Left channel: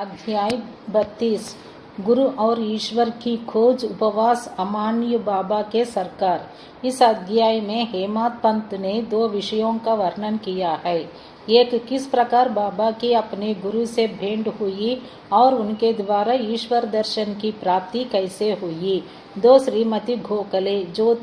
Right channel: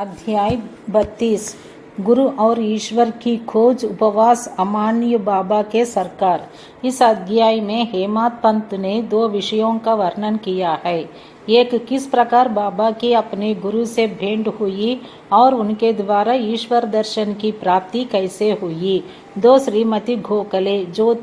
अध्याय 32 गुरु और ईश्वर की खोज उपवास अमान्य बाबा के सरकार। इस अध्याय में हेमंत पंत ने दो विषयों का वर्णन किया है। एक, किस प्रकार बाबा की अपने गुरु से भेंट हुई और उनके द्वारा ईश्वर दर्शन की प्राप्ति कैसे हुई। दो, श्रीमती गोखले जो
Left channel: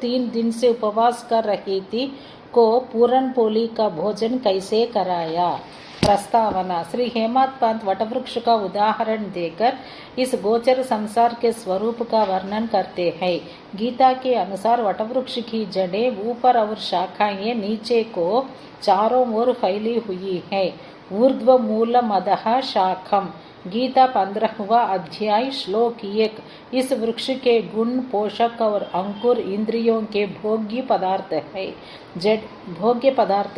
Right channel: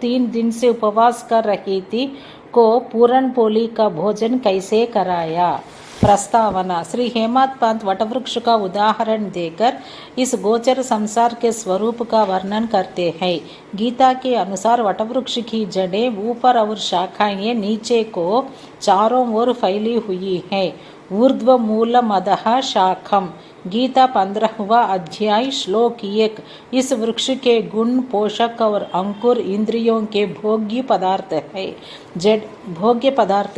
तीन दिन से उपवास कर रही थी को पूरन पोली का भोजन कैसे कराया। प्रस्तावना। श्री हेमंत पंत वटवृक्ष का उदाहरण देकर इस गोचर संसार के स्वरूप का वर्णन करते हैं। गीता के अनुसार वटवृक्ष की जड़ें ऊपर और शाखाएं नीचे को चारों ओर फैली हुई है। ऊर्ध्व मूल मदः शाखम। गीता 15वां अध्याय श्लोक 1। इस वृक्ष के गुण, पोषक और अंकुर इंद्रियों के भोग्य पदार्थ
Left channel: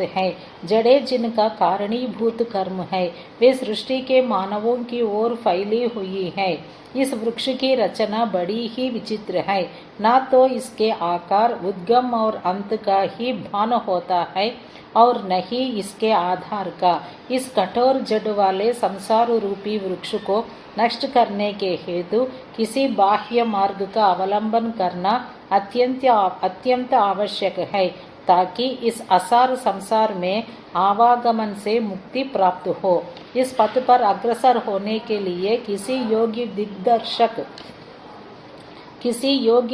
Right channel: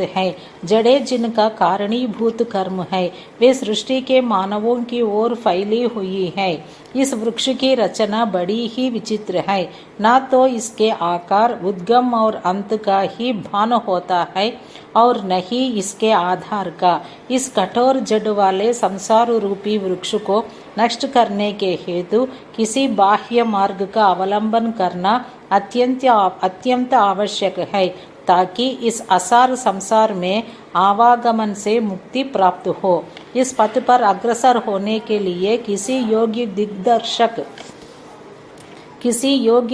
है। जड़ें जिनका कारणीभूत कर्म है, वे सृष्टि के मानवों की ओर फैली हुई है। इस वृक्ष की रचना बड़ी ही विचित्र है। न तो इसके आकार, उद्गम और अंत का ही भान होता है और न ही इसके आधार का। इस कठोर जड़ वाले संसार रूपी वृक्ष को नष्ट करने के हेतु किसी बाह्य मार्ग का अवलंबन करना अत्यंत आवश्यक है, ताकि इस असार संसार में आवागमन से मुक्ति प्राप्त हो। इस पथ पर अग्रसर होने के लिए किसी योग्य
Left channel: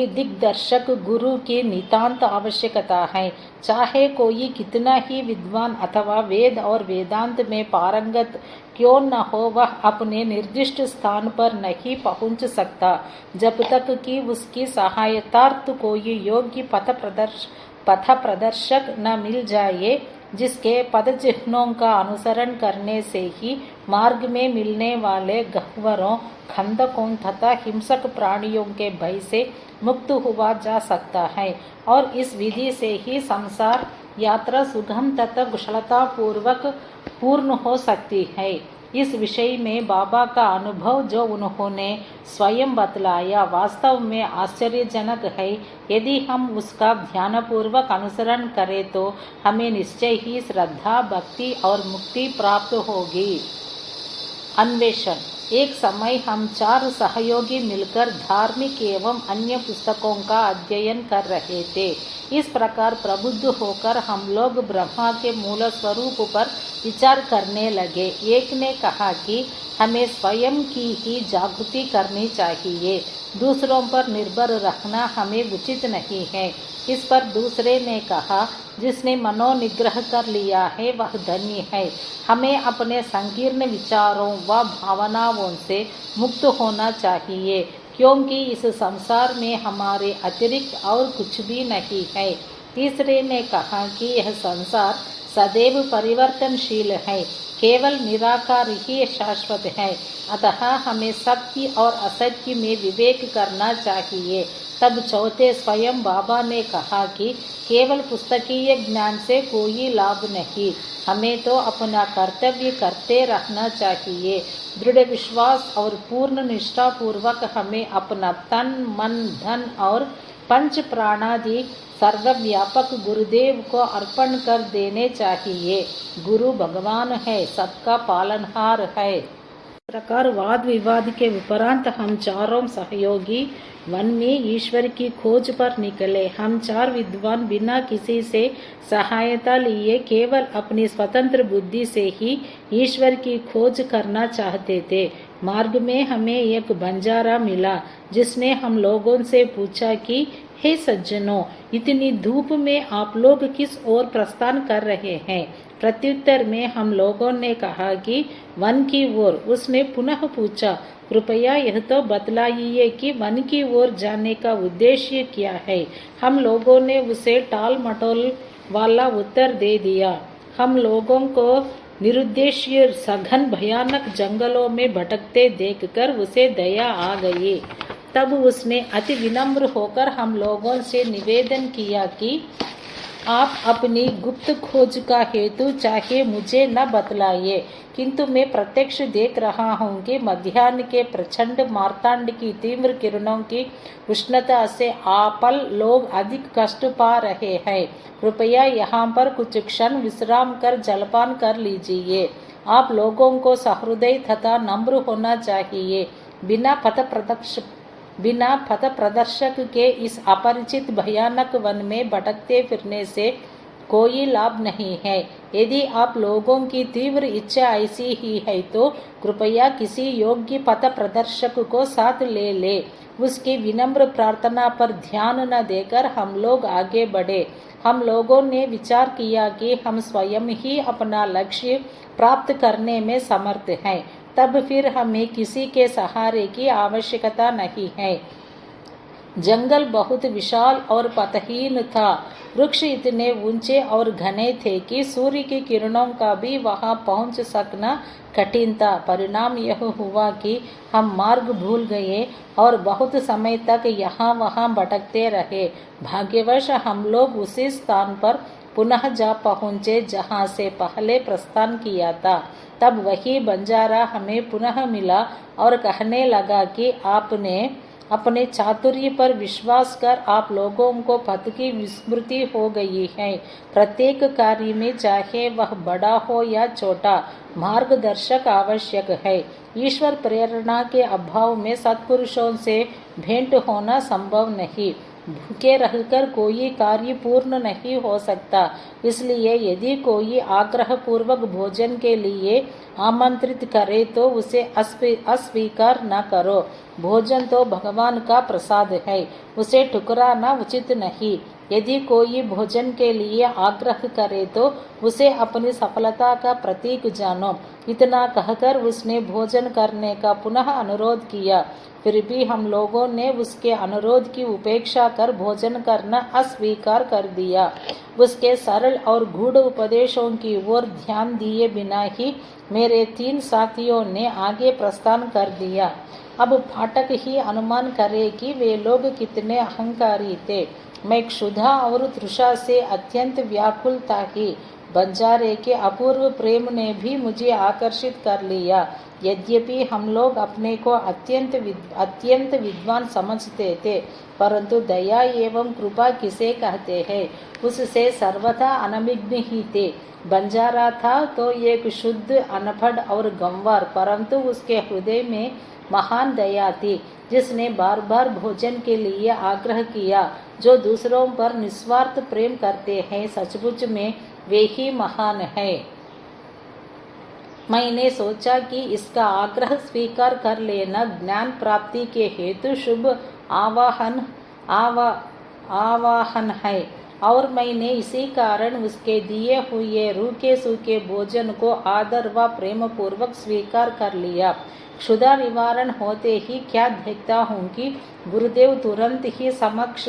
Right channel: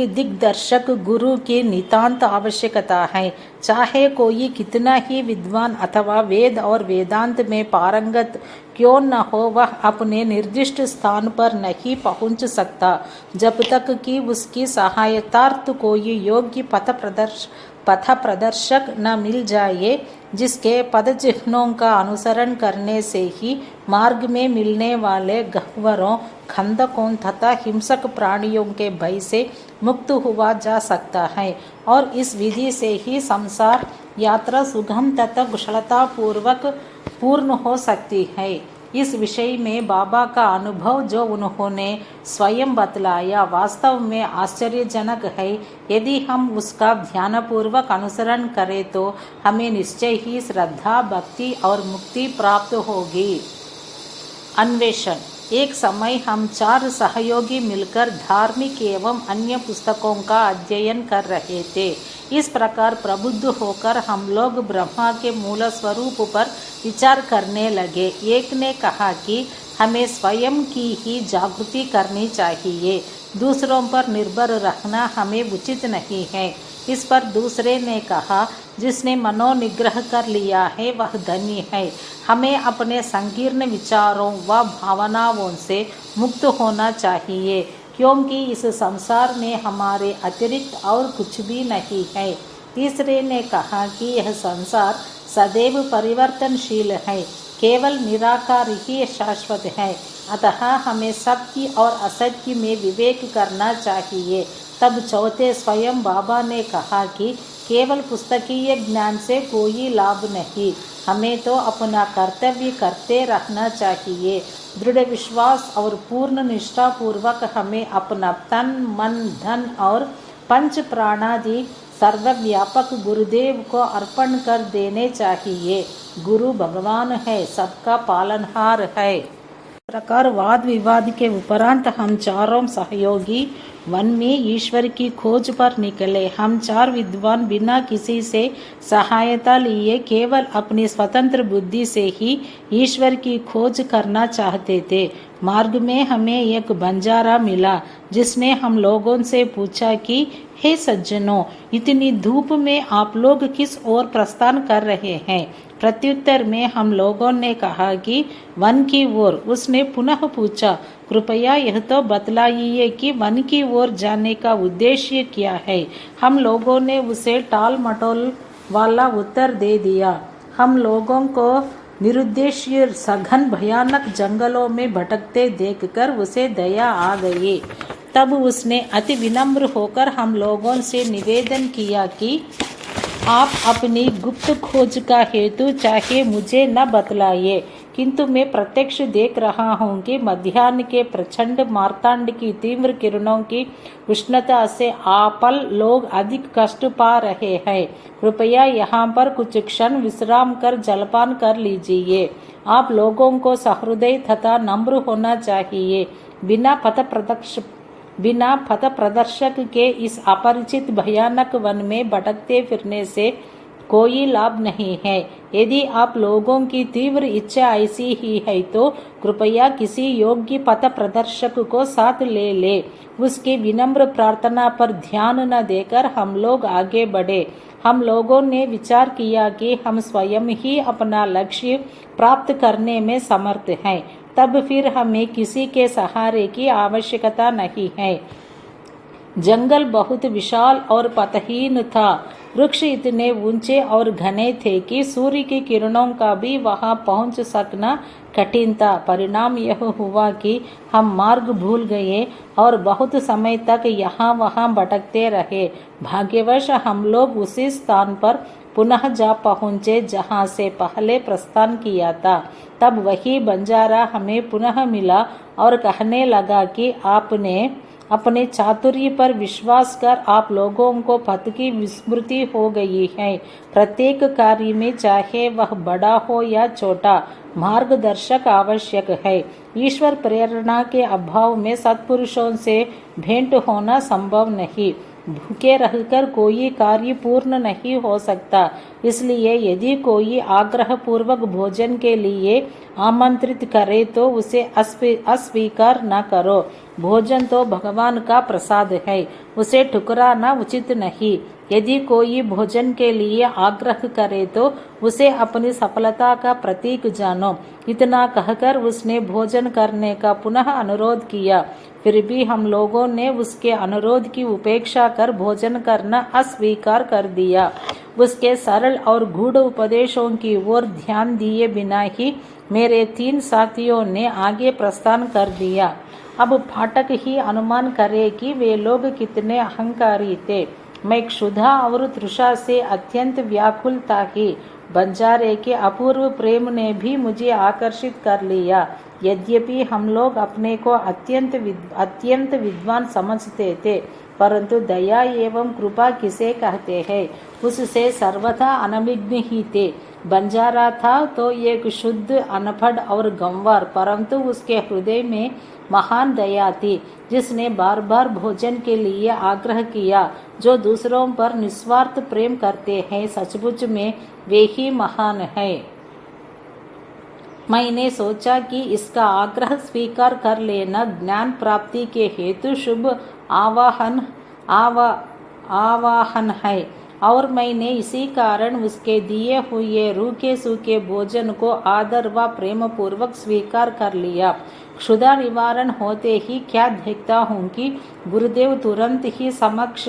दिग्दर्शक गुरु की नितांत आवश्यकता है। चाहे कोई कितना ही विद्वान अथवा वेद और वेदांत में पारंगत क्यों न हो, वह अपने निर्दिष्ट स्थान पर नहीं पहुंच सकता जब तक कि उसकी सहायतार्थ कोई योग्य पथ प्रदर्शक न मिल जाए, जिसके पद चिन्हों का अनुसरण करने से ही मार्ग में मिलने वाले गह्वरों, खंदकों तथा हिंसक प्राणियों के भय से मुक्त हुआ जा सकता है और इस विधि से ही संसार यात्रा सुगम तथा कुशलतापूर्वक पूर्ण हो सकती है। इस विषय में बाबा का अनुभव जो उन्होंने स्वयं बतलाया, वास्तव में आश्चर्यजनक है। यदि हम उसका ध्यानपूर्वक अनुसरण करें तो हमें निश्चय ही श्रद्धा, भक्ति और मुक्ति प्राप्त होगी। अन्वेषण। एक समय हम 4 सहयोगी मिलकर धार्मिक एवं अन्य पुस्तकों का अध्ययन कर रहे थे। इस प्रकार प्रबुद्ध होकर हम लोग ब्रह्मा के मूल स्वरूप पर विचार करने लगे। एक ने कहा कि हमें स्वयं की ही जागृति करनी चाहिए, दूसरों पर निर्भर रहना हमें उचित नहीं है। इस पर दूसरे ने कहा, जिसने मनोनिग्रह कर लिया है वह धन्य है। हमें अपने संकीर्ण विचारों व भावनाओं से मुक्त होना चाहिए, क्योंकि इस संसार में हमारे अतिरिक्त और कुछ भी नहीं है। तीसरे ने कहा कि यह संसार सदैव परिवर्तनशील है, केवल निराकार ही शाश्वत है, अतः हमें सत्य और असत्य में विवेक करना चाहिए। तब चौथे स्वयं बाबा ने कहा कि केवल पुस्तकीय ज्ञान से कोई लाभ नहीं, हमें तो अपना कर्तव्य करते रहना चाहिए। दृढ़ विश्वास और पूर्ण निष्ठापूर्वक हमें अपना तन, मन, धन और पंच प्राणादि सर्वव्यापक गुरुदेव को अर्पण कर देने चाहिए। गुरु भगवान है, सबका पालनहार है। इस प्रकार वाद विवाद के उपरांत हम चारों सहयोगी वन में ईश्वर की खोज पर निकले। हम 4 विद्वान बिना किसी से सहायता लिए केवल अपनी स्वतंत्र बुद्धि से ही ईश्वर की खोज करना चाहते थे। मार्ग में हमें एक बंजारा मिला, जिसने हम लोगों से पूछा कि हे सज्जनों, इतनी धूप में आप लोग किस ओर प्रस्थान कर रहे हैं। प्रत्युत्तर में हम लोगों ने कहा कि वन की ओर। उसने पुनः पूछा, कृपया यह तो बतलाइए कि वन की ओर जाने का उद्देश्य क्या है। हम लोगों ने उसे टाल मटोल वाला उत्तर दे दिया। हम लोगों को निरुद्देश्य सघन भयानक जंगलों में भटकते देखकर उसे दया आ गई। तब उसने अति विनम्र होकर हम लोगों से निवेदन किया कि आप अपनी गुप्त खोज का हेतु चाहे मुझे न बतलाइए, किंतु मैं प्रत्यक्ष देख रहा हूँ कि मध्याह्न के प्रचंड मार्तांड की तीव्र किरणों की उष्णता से आपल लोग अधिक कष्ट पा रहे हैं। कृपया यहाँ पर कुछ क्षण विश्राम कर जलपान कर लीजिए। आप लोगों को सहृदय तथा नम्र होना चाहिए। बिना पथ प्रदर्शक के इस अपरिचित भयानक वन में भटकते फिरने से कोई लाभ नहीं है। यदि आप लोगों की तीव्र इच्छा ऐसी ही है तो कृपया किसी योग्य पथ प्रदर्शक को साथ ले। उसकी विनम्र प्रार्थना पर ध्यान न देकर हम लोग आगे बढ़े। हम लोगों ने विचार किया कि हम स्वयं ही अपना लक्ष्य प्राप्त करने में समर्थ हैं। तब फिर हमें किसी के सहारे की आवश्यकता नहीं है। जंगल बहुत विशाल और पथहीन था। वृक्ष इतने ऊंचे और घने थे कि सूर्य की किरणों का भी वहां पहुंच सकना कठिन था। परिणाम यह हुआ कि हम मार्ग भूल गए और बहुत समय तक यहाँ वहाँ भटकते रहे। भाग्यवश हम लोग उसी स्थान पर पुनः जा पहुँचे जहाँ से पहले प्रस्थान किया था। तब वही बंजारा हमें पुनः मिला और कहने लगा कि आपने अपने चातुर्य पर विश्वास कर आप लोगों को पथ की विस्मृति हो गई है। प्रत्येक कार्य में चाहे वह बड़ा हो या छोटा मार्गदर्शक आवश्यक है। ईश्वर प्रेरणा के अभाव में सत्पुरुषों से भेंट होना संभव नहीं। भूखे रहकर कोई कार्य पूर्ण नहीं हो सकता। इसलिए यदि कोई आग्रह पूर्वक भोजन के लिए आमंत्रित करे तो उसे अस्वीकार न करो। भोजन तो भगवान का प्रसाद है, उसे ठुकराना उचित नहीं। यदि कोई भोजन के लिए आग्रह करे तो उसे अपनी सफलता का प्रतीक जानो। इतना कहकर उसने भोजन करने का पुनः अनुरोध किया। फिर भी हम लोगों ने उसके अनुरोध की उपेक्षा कर भोजन करना अस्वीकार कर दिया। उसके सरल और गूढ़ उपदेशों की ओर ध्यान दिए बिना ही मेरे 3 साथियों ने आगे प्रस्थान कर दिया। अब फाटक ही अनुमान करे कि वे लोग कितने अहंकारी थे। मैं क्षुधा और तृषा से अत्यंत व्याकुल था कि बंजारे के अपूर्व प्रेम ने भी मुझे आकर्षित कर लिया। यद्यपि हम लोग अपने को अत्यंत विद्वान समझते थे, परंतु दया एवं कृपा किसे कहते हैं उससे सर्वथा अनभिज्ञ ही थे। बंजारा था तो एक शुद्ध अनपढ़ और गंवार, परंतु उसके हृदय में महान दया थी, जिसने बार बार भोजन के लिए आग्रह किया। जो दूसरों पर निस्वार्थ प्रेम करते हैं, सचमुच में वे ही महान है। मैंने सोचा कि इसका आग्रह स्वीकार कर लेना ज्ञान प्राप्ति के हेतु शुभ आवाहन है, और मैंने इसी कारण उसके दिए हुए रूखे सूखे भोजन को आदर व प्रेम पूर्वक स्वीकार कर लिया। क्षुधा निवारण होते ही क्या देखता हूँ कि गुरुदेव तुरंत ही समक्ष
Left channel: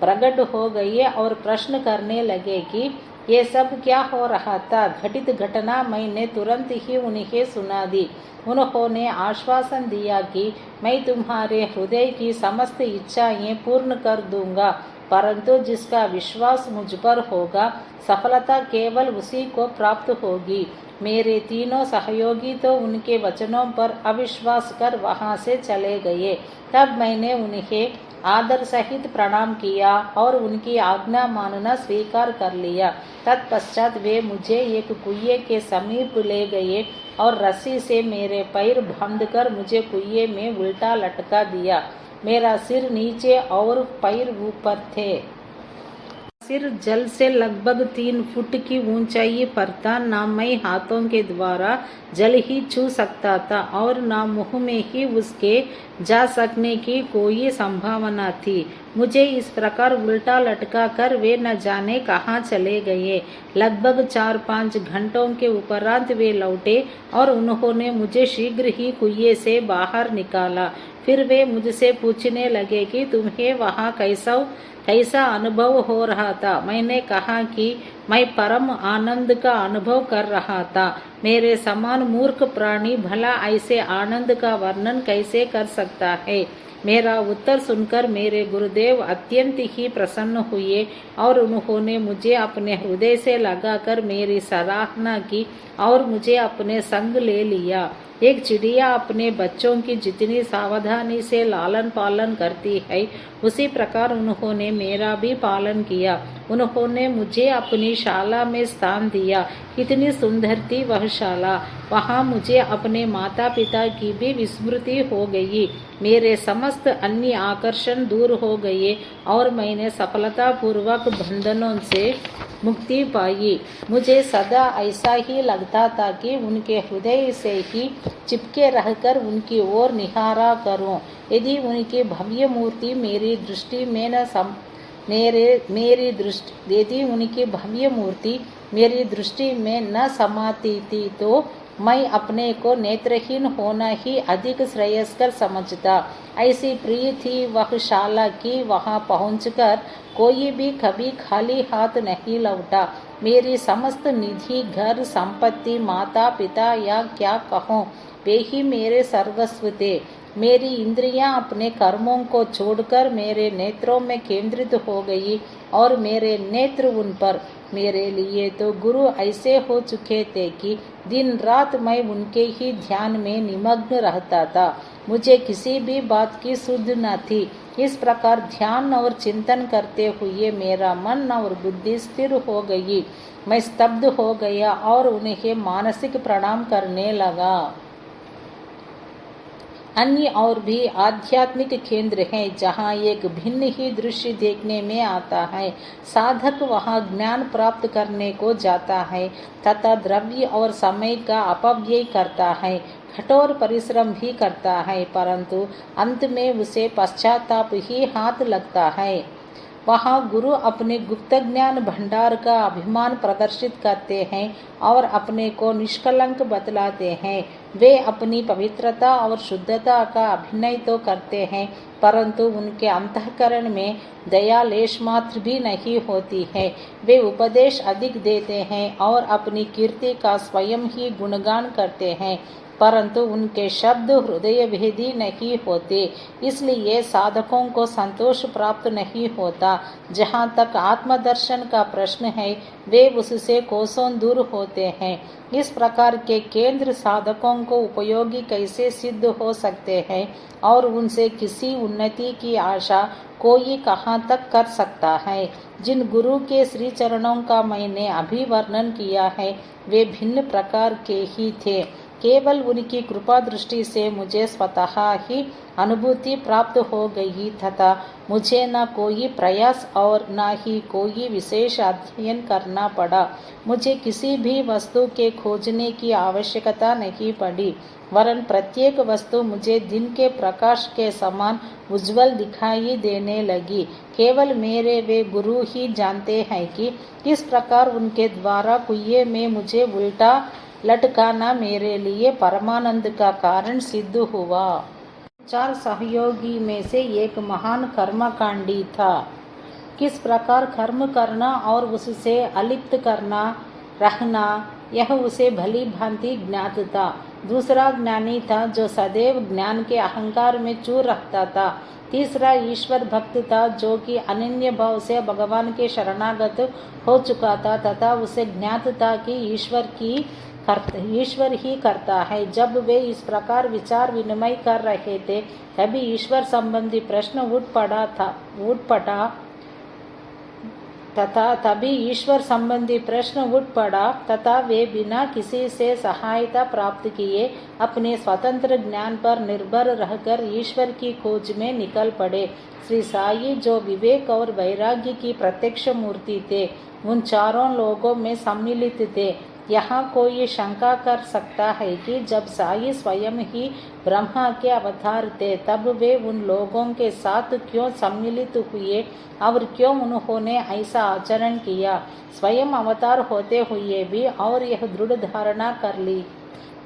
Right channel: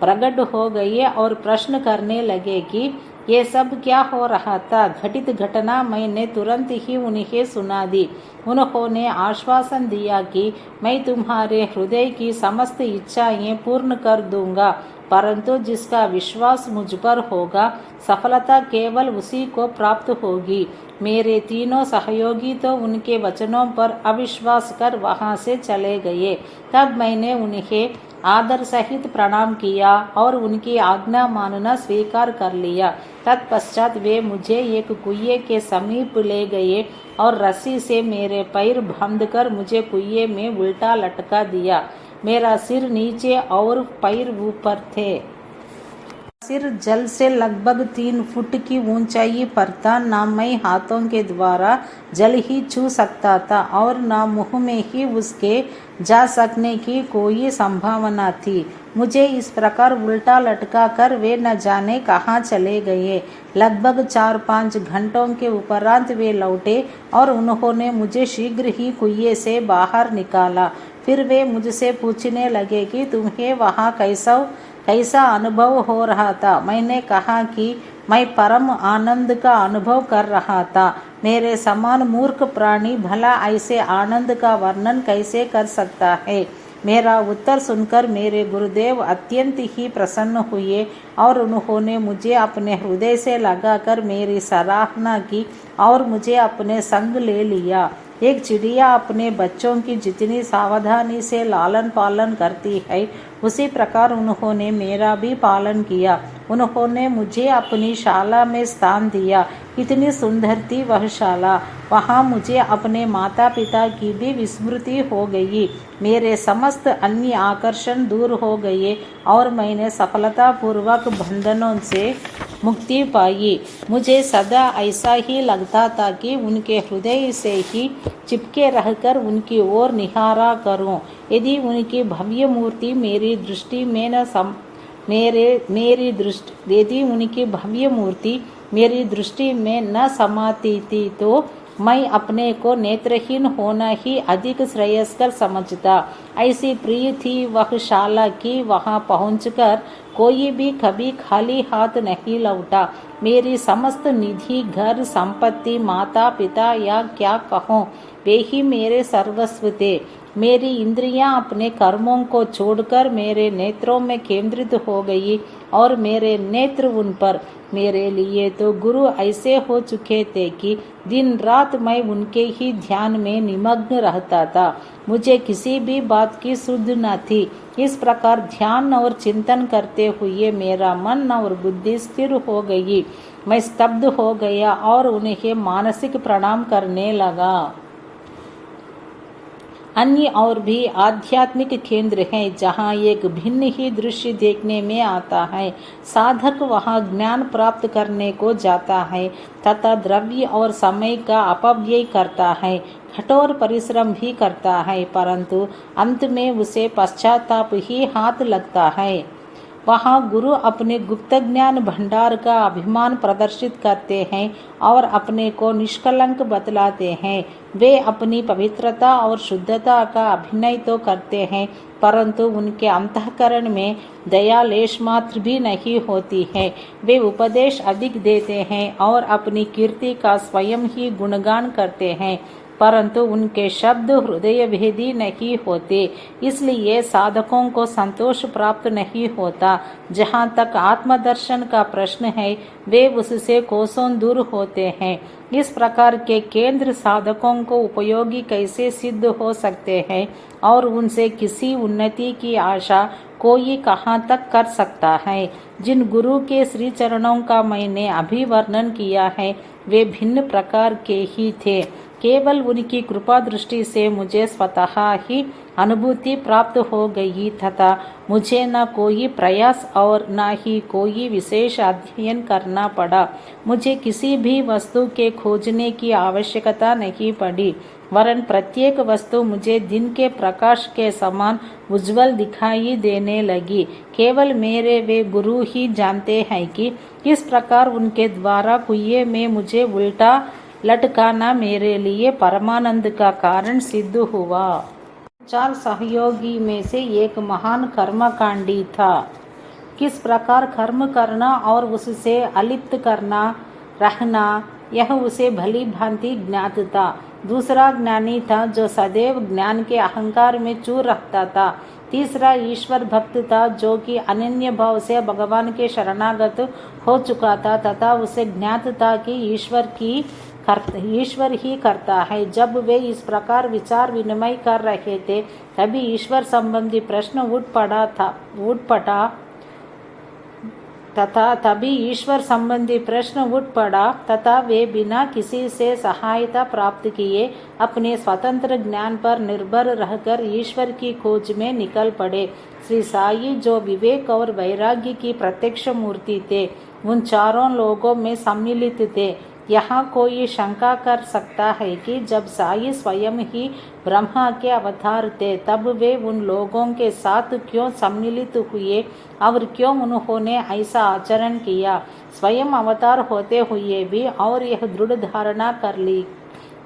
प्रकट हो गए और प्रश्न करने लगे कि ये सब क्या हो रहा था। घटित घटना मैंने तुरंत ही उन्हें सुना दी। उन्होंने आश्वासन दिया कि मैं तुम्हारे हृदय की समस्त इच्छाएं पूर्ण कर दूंगा, परंतु जिसका विश्वास मुझ पर होगा सफलता केवल उसी को प्राप्त होगी। मेरे तीनों सहयोगी तो उनके वचनों पर अविश्वास कर वहां से चले गए। तब मैंने उन्हें आदर सहित प्रणाम किया और उनकी आज्ञा मानना स्वीकार कर लिया। तत्पश्चात वे मुझे एक कुएं के समीप ले गए और रस्सी से मेरे पैर बांधकर मुझे कुएं में उल्टा लटका दिया। मेरा सिर नीचे और पैर ऊपर थे। सिर जल से लगभग 3 फुट की ऊंचाई पर था। न मैं हाथों के द्वारा जल ही छू सकता था और न मुंह में ही उसके जा सकने की कोई संभावना थी। मुझे इस प्रकार उल्टा लटका कर वे न जाने कहाँ चले गए। लगभग 4-5 घंटों के उपरांत वे लौटे और उन्होंने मुझे शीघ्र ही कुएं से बाहर निकाला। फिर वे मुझसे पूछने लगे कि तुम्हें वहाँ कैसा अनुभव हो रहा था। मैंने कहा कि मैं परम आनंद का अनुभव कर रहा था। मेरे समान मूर्ख प्राणी भला ऐसे आनंद का वर्णन कैसे कर सकता है। मेरा उत्तर सुनकर मेरे गुरुदेव अत्यंत ही प्रसन्न हुए और उन्होंने मुझे अपने हृदय से लगाकर मेरी सराहना की और मुझे अपने संग ले लिया। एक चिड़िया अपने बच्चों की जितनी सावधानी से लालन पालन करती है, उसी प्रकार उन्होंने मेरा भी पालन किया। उन्होंने मुझे अपनी शाला में स्थान दिया। कितनी सुंदर थी वह शाला। वहाँ मुझे अपने माता पिता की भी विस्मृति हो गई। मेरे समस्त अन्य आकर्षण दूर हो गए और मैंने सफलतापूर्वक बंधनों से मुक्ति पाई। मुझे सदा ऐसा ही लगता था कि उनके हृदय से ही चिपके रहकर उनकी ओर निहारा करूं। यदि उनकी भव्य मूर्ति मेरी दृष्टि में न सम यदि उनकी भव्य मूर्ति मेरी दृष्टि में न समाती थी तो मैं अपने को नेत्रहीन होना ही अधिक श्रेयस्कर समझता। ऐसी प्रिय थी वह शाला कि वहां पहुंचकर कोई भी कभी खाली हाथ नहीं लौटा। मेरी समस्त निधि, घर, संपत्ति, माता पिता या क्या कहूँ, वे ही मेरे सर्वस्व थे। मेरी इंद्रियां अपने कर्मों को छोड़कर मेरे नेत्रों में केंद्रित हो गई और मेरे नेत्र उन पर। मेरे लिए तो गुरु ऐसे हो चुके थे कि दिन रात मैं उनके ही ध्यान में निमग्न रहता था। मुझे किसी भी बात की सुध न थी। इस प्रकार ध्यान और चिंतन करते हुए मेरा मन और बुद्धि स्थिर हो गई। मैं स्तब्ध हो गया और उन्हें मानसिक प्रणाम करने लगा। अन्य और भी आध्यात्मिक केंद्र हैं जहाँ एक भिन्न ही दृश्य देखने में आता है। साधक वहाँ ज्ञान प्राप्त करने को जाता है तथा द्रव्य और समय का अपव्यय करता है, कठोर परिश्रम भी करता है, परंतु अंत में उसे पश्चाताप ही हाथ लगता है। वहाँ गुरु अपने गुप्त ज्ञान भंडार का अभिमान प्रदर्शित करते हैं और अपने को निष्कलंक बतलाते हैं। वे अपनी पवित्रता और शुद्धता का अभिनय तो करते हैं, परंतु उनके अंतःकरण में दया लेश मात्र भी नहीं होती है। वे उपदेश अधिक देते हैं और अपनी कीर्ति का स्वयं ही गुणगान करते हैं, परंतु उनके शब्द हृदय भेदी नहीं होते। इसलिए साधकों को संतोष प्राप्त नहीं होता। जहाँ तक आत्मदर्शन का प्रश्न है, वे उससे कोसों दूर होते हैं। इस प्रकार के केंद्र साधकों को उपयोगी कैसे सिद्ध हो सकते हैं और उनसे किसी उन्नति की आशा कोई कहाँ तक कर सकता है। जिन गुरु के श्री चरणों का मैंने अभी वर्णन किया है, वे भिन्न प्रकार के ही थे। केवल उनकी कृपा दृष्टि से मुझे स्वतः ही अनुभूति प्राप्त हो गई तथा मुझे न कोई प्रयास और न ही कोई विशेष अध्ययन करना पड़ा। मुझे किसी भी वस्तु के खोजने की आवश्यकता नहीं पड़ी, वरन प्रत्येक वस्तु मुझे दिन के प्रकाश के समान उज्जवल दिखाई देने लगी। केवल मेरे वे गुरु ही जानते हैं कि किस प्रकार उनके द्वारा कुएं में मुझे उल्टा लटकाना मेरे लिए परमानंद का कारण सिद्ध हुआ। 4 सहयोगी में से एक महान कर्मकांडी था। किस प्रकार कर्म करना और उससे अलिप्त करना रहना, यह उसे भली भांति ज्ञात था। दूसरा ज्ञानी था जो सदैव ज्ञान के अहंकार में चूर रखता था। तीसरा ईश्वर भक्त था जो कि अनन्य भाव से भगवान के शरणागत हो चुका था तथा उसे ज्ञात था कि ईश्वर ही करता है। जब वे इस प्रकार विचार विनिमय कर रहे थे, तभी ईश्वर संबंधी प्रश्न उठ पड़ा तथा वे बिना किसी से सहायता प्राप्त किए अपने स्वतंत्र ज्ञान पर निर्भर रहकर ईश्वर की खोज में निकल पड़े। श्री साई जो विवेक और वैराग्य की प्रत्यक्ष मूर्ति थे, उन चारों लोगों में सम्मिलित थे। यहाँ कोई शंका कर सकता है कि जब साई स्वयं ही ब्रह्मा के अवतार थे, तब वे उन लोगों के साथ क्यों सम्मिलित हुए और क्यों उन्होंने ऐसा आचरण किया। स्वयं अवतार होते हुए भी और यह दृढ़ धारणा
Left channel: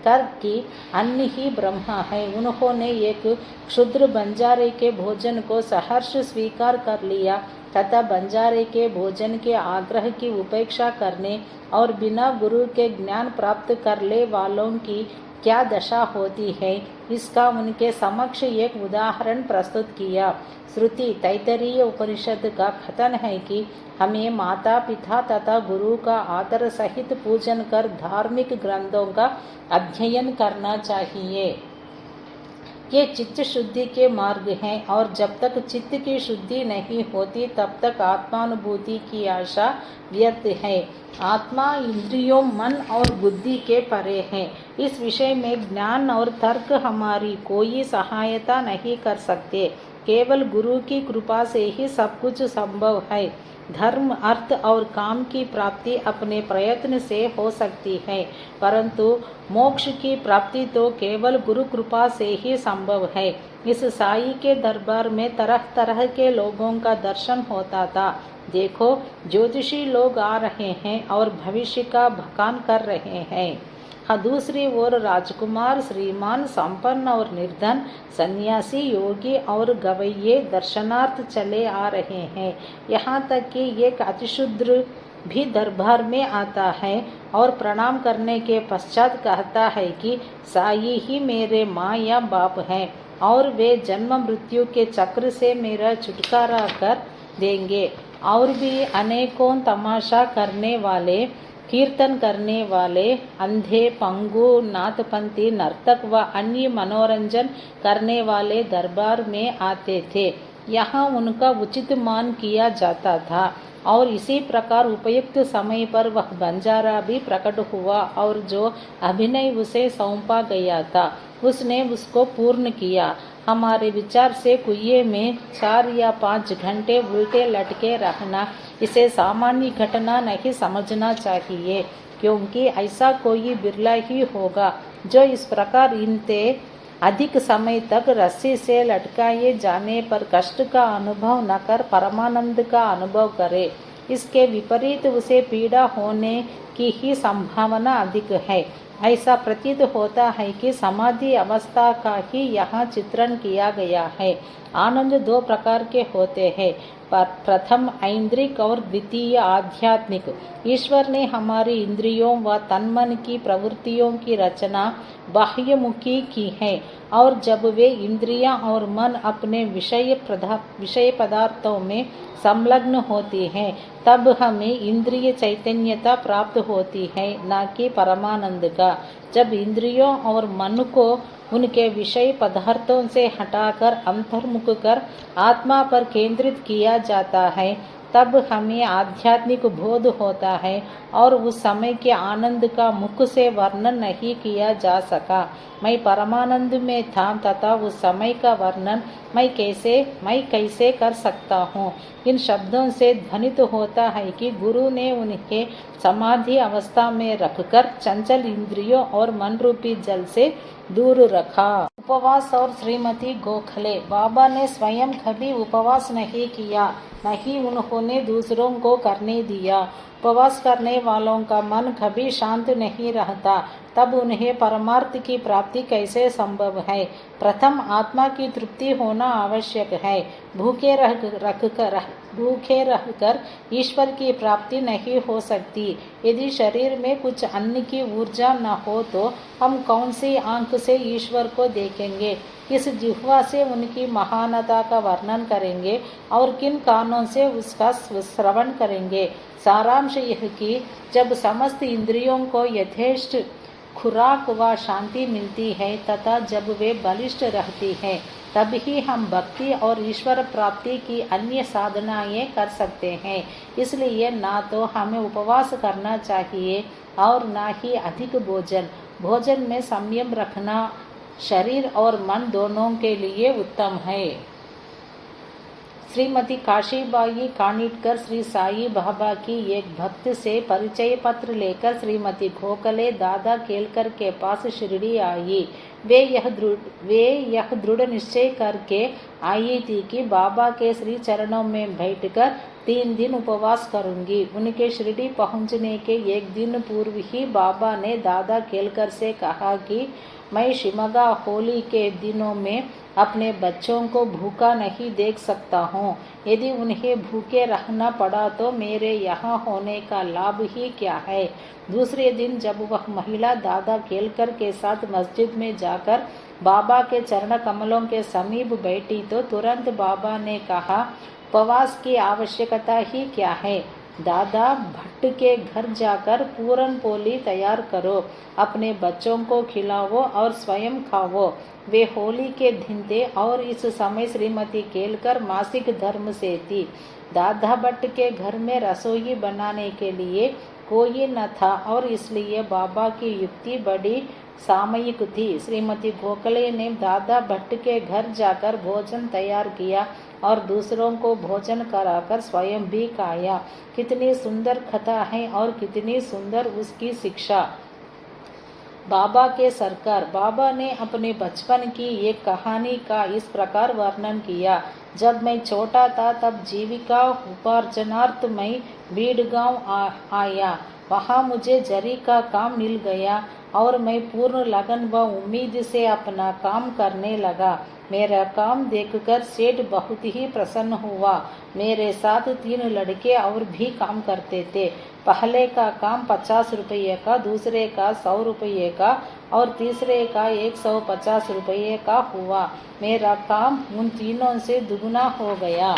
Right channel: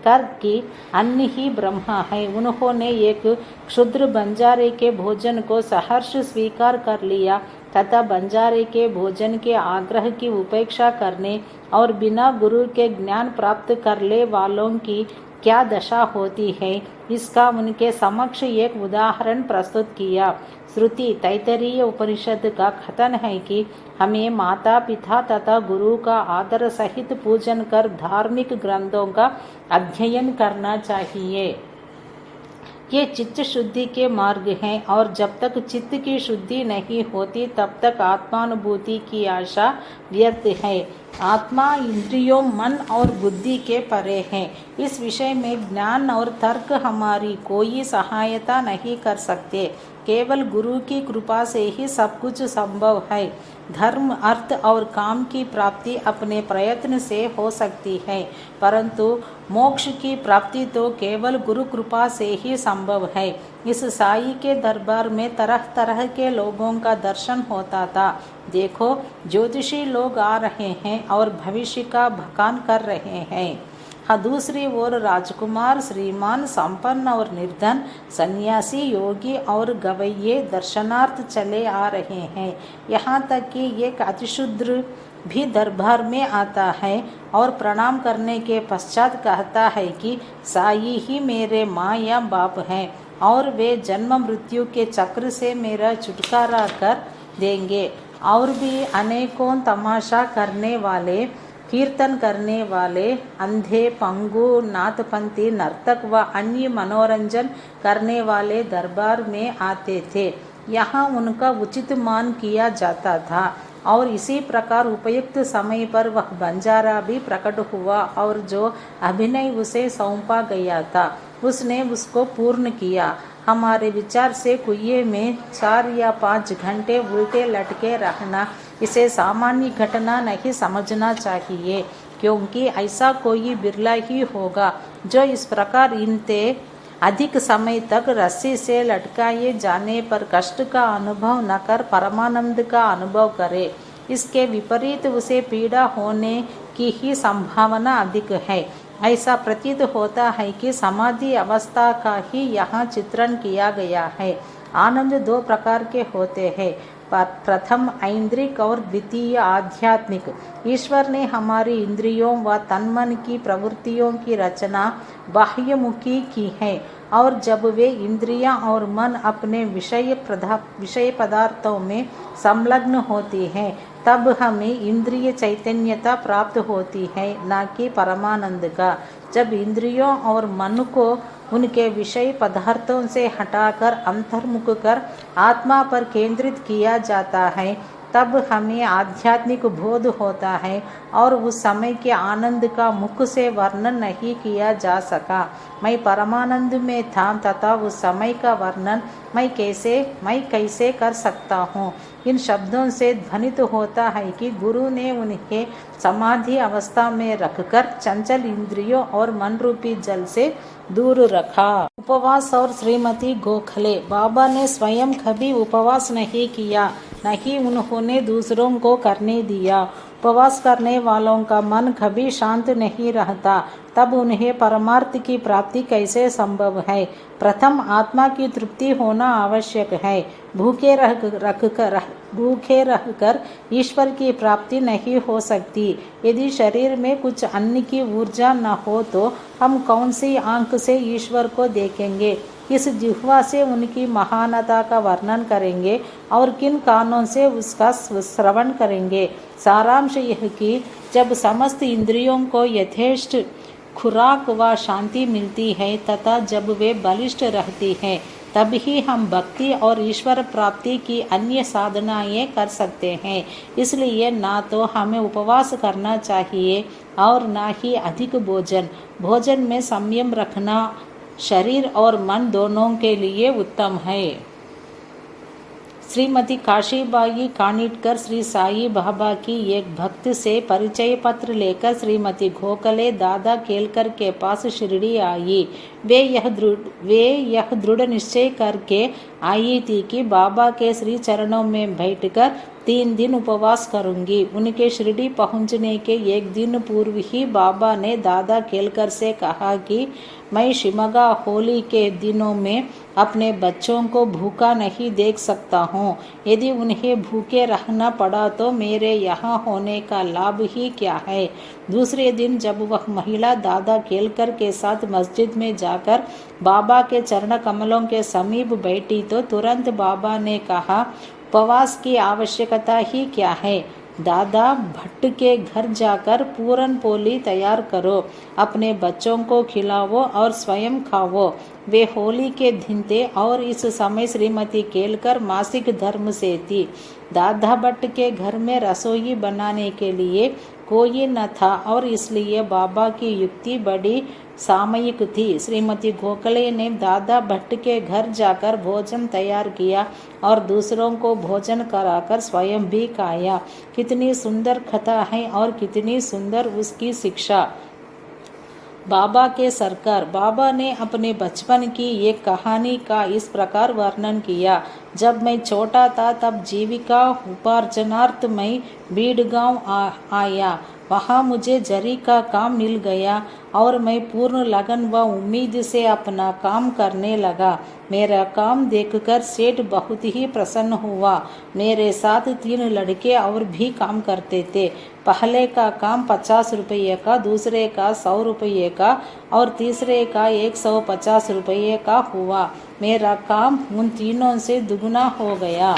कर कि अन्य ही ब्रह्मा है, उन्होंने एक क्षुद्र बंजारे के भोजन को सहर्ष स्वीकार कर लिया तथा बंजारे के भोजन के आग्रह की उपेक्षा करने और बिना गुरु के ज्ञान प्राप्त कर ले वालों की क्या दशा होती है, इसका उनके समक्ष एक उदाहरण प्रस्तुत किया। श्रुति तैतरीय उपनिषद का कथन है कि हमें माता पिता तथा गुरु का आदर सहित पूजन कर धार्मिक ग्रंथों का अध्ययन करना चाहिए। ये चित्त शुद्धि के मार्ग हैं और जब तक चित्त की शुद्धि नहीं होती तब तक आत्मानुभूति की आशा व्यर्थ है। आत्मा इंद्रियों, मन और बुद्धि के परे है। इस विषय में ज्ञान और तर्क हमारी कोई सहायता नहीं कर सकते। केवल गुरु की कृपा से ही सब कुछ संभव है। धर्म, अर्थ और काम की प्राप्ति अपने प्रयत्न से हो सकती है, परंतु मोक्ष की प्राप्ति तो केवल गुरु कृपा से ही संभव है। इस साई के दरबार में तरह तरह के लोगों का दर्शन होता था। देखो, ज्योतिषी लोग आ रहे हैं और भविष्य का भकान कर रहे हैं। हाँ, दूसरी ओर राजकुमार, श्रीमान, संपन्न और निर्धन, सन्यासी, योगी और गवैये दर्शनार्थ चले आ रहे हैं। यहाँ तक कि एक अतिशूद्र भी दरबार में आता है और प्रणाम करने के पश्चात कहता है कि साई ही मेरे माँ या बाप हैं और वे जन्म मृत्यु के चक्र से मेरा छुटकारा कर देंगे। और भी अनेकों तमाशा करने वाले, कीर्तन करने वाले, अंधे, पंगु, नाथपंथी, नर्तक व अन्य मनोरंजन करने वाले दरबार में आते थे। यहाँ उनका उचित मान किया जाता था और इसी प्रकार उपयुक्त समय पर वह बंजारा भी प्रकट हुआ और जो अभिनय उसे सौंपा गया था उसने उसको पूर्ण किया। हमारे विचार से कुएं में 4 या 5 घंटे उल्टे लटके रहना, इसे सामान्य घटना नहीं समझना चाहिए, क्योंकि ऐसा कोई बिरला ही होगा जो इस प्रकार इनते अधिक समय तक रस्सी से लटकाए जाने पर कष्ट का अनुभव न कर परमानंद का अनुभव करे। इसके विपरीत उसे पीड़ा होने की ही संभावना अधिक है। ऐसा प्रतीत होता है कि समाधि अवस्था का ही यहाँ चित्रण किया गया है। आनंद 2 प्रकार के होते हैं, प्रथम ऐन्द्रिक और द्वितीय आध्यात्मिक। ईश्वर ने हमारी इंद्रियों व तन्मन की प्रवृत्तियों की रचना बाह्यमुखी की है और जब वे इंद्रियां और मन अपने विषय पदार्थों में संलग्न होती हैं तब हमें इंद्रिय चैतन्यता प्राप्त होती है, न कि परमानंद का। जब इंद्रियों और मन को उनके विषय पदार्थों से हटाकर अंतर्मुख कर आत्मा पर केंद्रित किया जाता है तब हमें आध्यात्मिक बोध होता है और उस समय के आनंद का मुख से वर्णन नहीं किया जा सका। मैं परमानंद में था तथा उस समय का वर्णन मैं कैसे कर सकता हूँ। इन शब्दों से ध्वनित होता है कि गुरु ने उन्हें समाधि अवस्था में रखकर चंचल इंद्रियों और मन रूपी जल से दूर रखा। उपवास और श्रीमती गोखले। बाबा ने स्वयं कभी उपवास नहीं किया, नहीं उन्होंने दूसरों को करने दिया। उपवास करने वालों का मन कभी शांत नहीं रहता, तब उन्हें परमार्थ की प्राप्ति कैसे संभव है। प्रथम आत्मा की तृप्ति होना आवश्यक है। भूखे रहकर ईश्वर की प्राप्ति नहीं हो सकती। यदि शरीर में कुछ अन्न की ऊर्जा न हो तो हम कौन सी आंख से ईश्वर को देखेंगे, किस जिह्वा से उनकी महानता का वर्णन करेंगे और किन कानों से उसका श्रवण करेंगे। सारांश यह कि जब समस्त इंद्रियों को यथेष्ट खुराक व शांति मिलती है तथा जब वे बलिष्ठ रहती हैं तभी हम भक्ति और ईश्वर प्राप्ति की अन्य साधनाएं कर सकते हैं। इसलिए ना तो हमें उपवास करना चाहिए और ना ही अधिक भोजन में संयम रखना शरीर और मन दोनों के लिए उत्तम है। श्रीमती काशीबाई कानिटकर श्री साई बाबा की एक भक्त से परिचय पत्र लेकर श्रीमती गोखले दादा केलकर के पास शिरडी आई। वे यह दृढ़ निश्चय करके आई थी कि बाबा के श्री चरणों में बैठकर 3 दिन उपवास करूंगी। उनके शिरडी पहुंचने के एक दिन पूर्व ही बाबा ने दादा केलकर से कहा कि मैं शिमगा होली के दिनों में अपने बच्चों को भूखा नहीं देख सकता हूँ। यदि उन्हें भूखे रहना पड़ा तो मेरे यहाँ होने का लाभ ही क्या है। दूसरे दिन जब वह महिला दादा केलकर के साथ मस्जिद में जाकर बाबा के चरण कमलों के समीप बैठी तो तुरंत बाबा ने कहा, उपवास की आवश्यकता ही क्या है। दादा भट्ट के घर जाकर पूरन पोली तैयार करो, अपने बच्चों को खिलाओ और स्वयं खाओ। वे होली के दिन थे और इस समय श्रीमती केलकर मासिक धर्म से थी। दादा भट्ट के घर में रसोई बनाने के लिए कोई न था और इसलिए बाबा की युक्ति बड़ी सामयिक थी। श्रीमती गोखले ने दादा भट्ट के घर जाकर भोजन तैयार किया और दूसरों को भोजन कराकर स्वयं भी खाया। कितनी सुंदर कथा है और कितनी सुंदर उसकी शिक्षा। बाबा के सरकार। बाबा ने अपने बचपन की एक कहानी का इस प्रकार वर्णन किया। जब मैं छोटा था तब जीविका उपार्जनार्थ मैं बीड़ गांव आया। वहाँ मुझे जरी का काम मिल गया और मैं पूर्ण लगन व उम्मीद से अपना काम करने लगा। मेरा काम देखकर सेठ बहुत ही प्रसन्न हुआ। मेरे साथ 3 लड़के और भी काम करते थे। पहले का काम 50 रुपये का, दूसरे का 100 रुपये का और तीसरे का 150 रुपये का हुआ। मेरा काम उन तीनों से दुगना हो गया।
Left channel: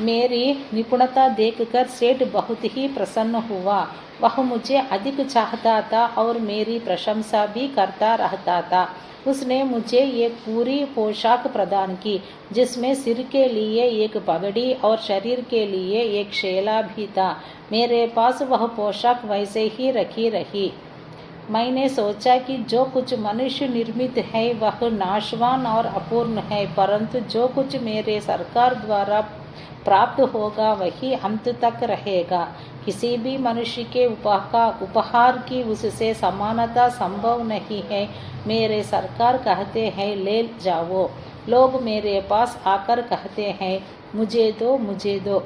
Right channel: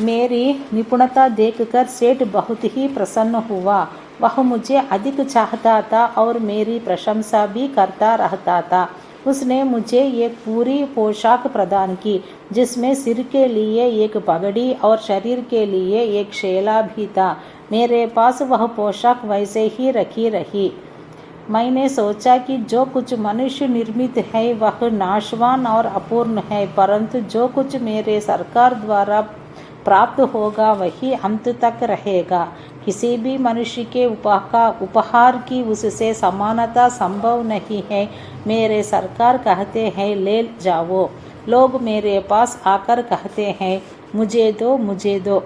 मेरी निपुणता देखकर सेठ बहुत ही प्रसन्न हुआ। वह मुझे अधिक चाहता था और मेरी प्रशंसा भी करता रहता था। उसने मुझे एक पूरी पोशाक प्रदान की जिसमें सिर के लिए एक पगड़ी और शरीर के लिए एक शेला भी था। मेरे पास वह पोशाक वैसे ही रखी रही। मैंने सोचा कि जो कुछ मनुष्य निर्मित है वह नाशवान और अपूर्ण है, परंतु जो कुछ मेरे सरकार द्वारा प्राप्त होगा वही अंत तक रहेगा। किसी भी मनुष्य के उपहार की उससे समानता संभव नहीं है। मेरे सरकार कहते हैं ले जाओ। लोग मेरे पास आकर कहते हैं मुझे दो मुझे दो,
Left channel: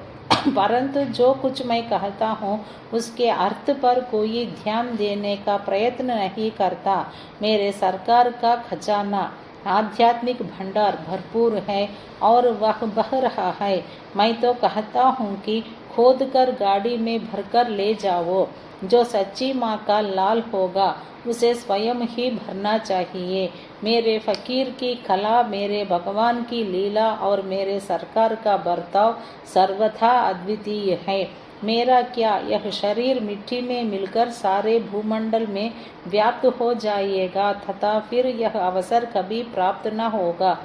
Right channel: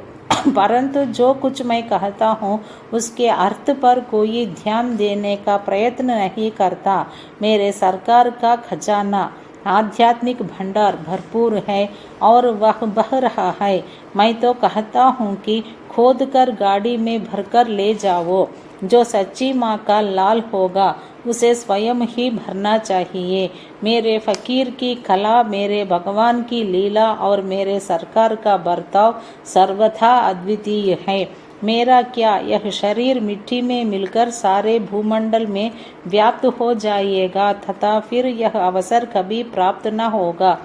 परंतु जो कुछ मैं कहता हूँ उसके अर्थ पर कोई ध्यान देने का प्रयत्न नहीं करता। मेरे सरकार का खजाना आध्यात्मिक भंडार भरपूर है और वह बह रहा है। मैं तो कहता हूँ कि खोद कर गाड़ी में भरकर ले जाओ। जो सच्ची माँ का लाल होगा उसे स्वयं ही भरना चाहिए। मेरे फकीर की कला, मेरे भगवान की लीला और मेरे सरकार का बर्ताव सर्वथा अद्वितीय है। मेरा क्या, यह शरीर मिट्टी में मिलकर सारे भूमंडल में व्याप्त हो जाएगा तथा फिर यह अवसर कभी प्राप्त न होगा।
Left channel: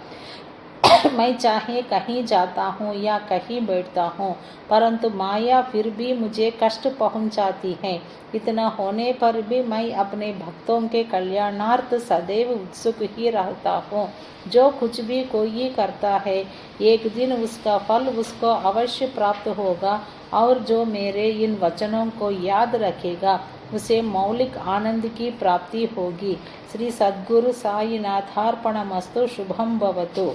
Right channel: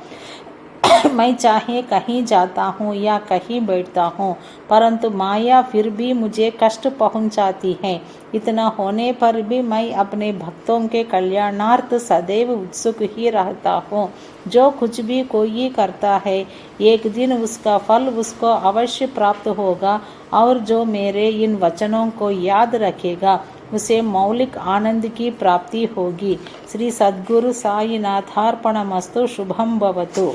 मैं चाहे कहीं जाता हूँ या कहीं बैठता हूँ, परंतु माया फिर भी मुझे कष्ट पहुँचाती है। इतना होने पर भी मैं अपने भक्तों के कल्याणार्थ सदैव उत्सुक ही रहता हूँ। जो कुछ भी कोई करता है एक दिन उसका फल उसको अवश्य प्राप्त होगा और जो मेरे इन वचनों को याद रखेगा उसे मौलिक आनंद की प्राप्ति होगी। श्री सद्गुरु साईनाथार्पणमस्तु। शुभम भवतु।